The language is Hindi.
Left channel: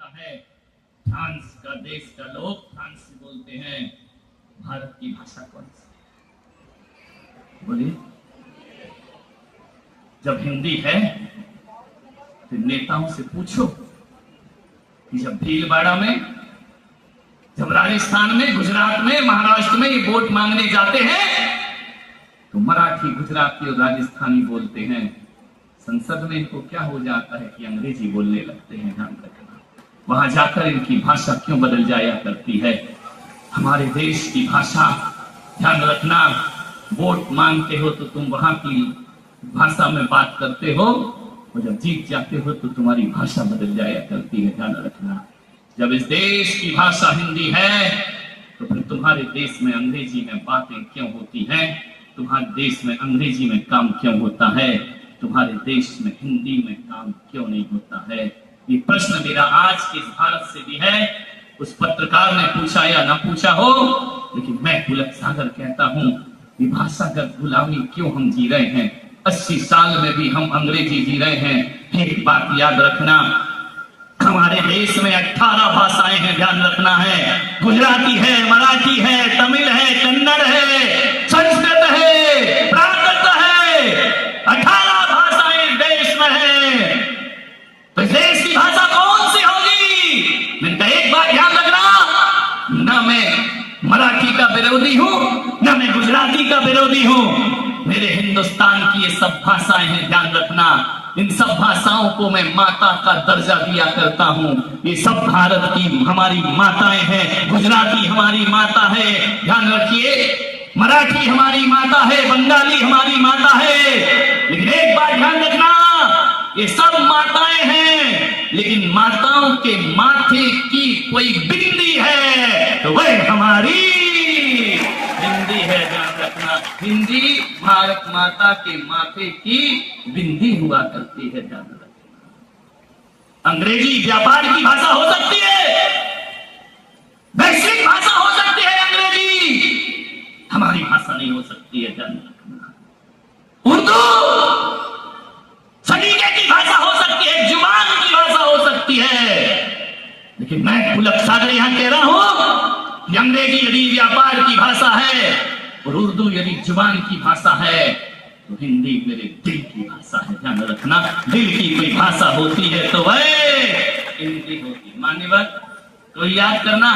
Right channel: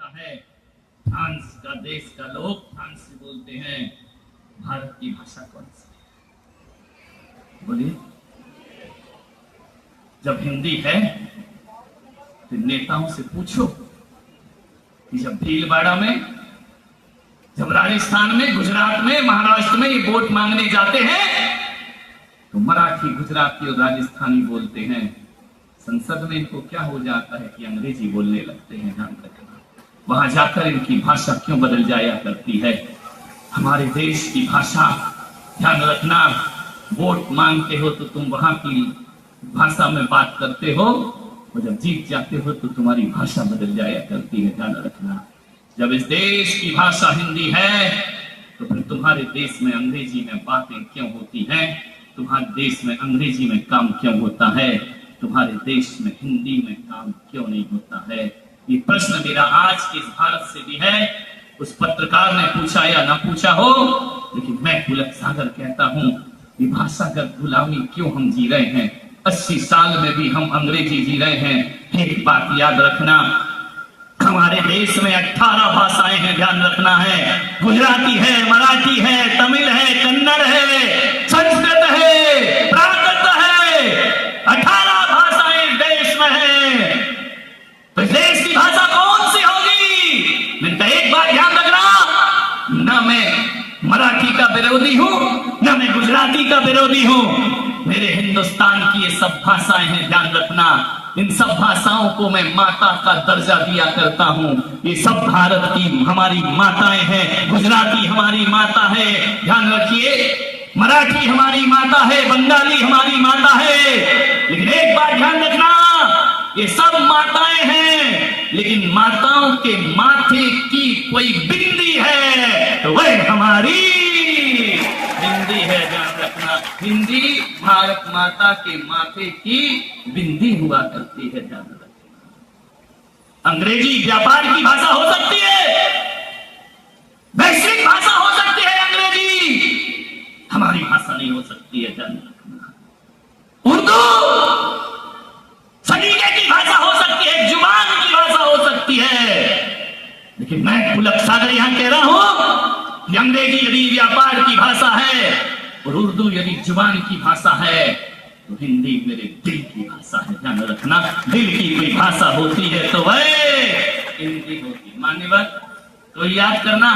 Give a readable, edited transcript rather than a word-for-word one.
होता है। फ्रांस का देश का लोग फ्रांस से बोलते हैं भारत की भाषा कौन सी? बोलिए। जब हिंदी है तो नेताओं से पूछो कि जब भीलवाड़ा में, जब राजस्थान में, गुजरात में, महाराष्ट्र में ये वोट मांगने जाते हैं तो मराठी, गुजराती और राजस्थानी बोलते हैं। संसद में इनको क्या हो जाता है कि अंग्रेजी बोलने लगते हैं। जानते हैं वहां जाकर इनकी भाषा क्यों बदल जाया करती है। हमारे देश की भाषा ध्यान रखना, वोट मांगते हो तो तुम वहां की भाषा में बात करते हो और जब जीत जाते हो तो तुम्हारी भाषा बदल जाया करती है। ध्यान रखना, जब इस देश की भाषा हिंदी है तो फिर तुम्हारे देश में अंग्रेजी में बातें क्यों होती हैं? तुम्हारे देश में अंग्रेजी में काम क्यों होता है? तुम्हारे देश में हिंदी में काम क्यों नहीं होता है? ये प्रश्न मेरा आज के इस भारत से भी है। उस पत्रकार ने पूछा या ना पूछा हो, लेकिन मैं पुलक सागर कहता हूं, ये भाषागत गुलामी क्यों हम जी रहे हैं? 80 साल में भी हम अंग्रेजी जी रहे हैं। एक बात याद रखना, हमारे देश में 18 भाषाएं हैं। ध्यान रखना है, गुजराती है, मराठी है, तमिल है, कन्नड़ है, संस्कृत है, प्राकृत है। 18 भाषाएं देश में है। तो देश की भाषा कौन सी होगी? मैं एक बात याद रखना, ना मैं मराठी का विरोधी हूं, ना मैं गुजराती का विरोधी हूं। मेरे हिंदुस्तान की ये सब भाषाएं हैं। ध्यान रखना, इन सब भाषाओं को मैं माता का दर्जा दिया करता हूं। ये सब भारत की हमारी माताएं हैं। गुजराती हमारी माता है, ध्यान रखिए, मराठी हमारी माता है, बंगाली हमारी माता है। लेकिन एक बात ध्यान रखना, ये सब माताएं हैं, लेकिन माताओं के माथे की कोई बिंदी है तो वह हमारी बिंदी है। ध्यान रखना, बिंदी भारत माता के माथे की बिंदी हुआ करती है। ध्यान रखना, अंग्रेजी व्यापार की भाषा हो सकती है, वैश्विक भाषा हो सकती है अंग्रेजी, हमारी भाषा नहीं हो सकती है। ध्यान रखना, उर्दू सलीके की भाषा हो सकती है, जुबान की भाषा हो सकती है। लेकिन मैं पुलक सागर यहां कह रहा हूं कि अंग्रेजी यदि व्यापार की भाषा है और उर्दू यदि जुबान की भाषा है तो हिंदी मेरे दिल की भाषा है। ध्यान रखना, दिल की कोई भाषा होती है तो वह हिंदी होती। मान्यवर, तो याद करना,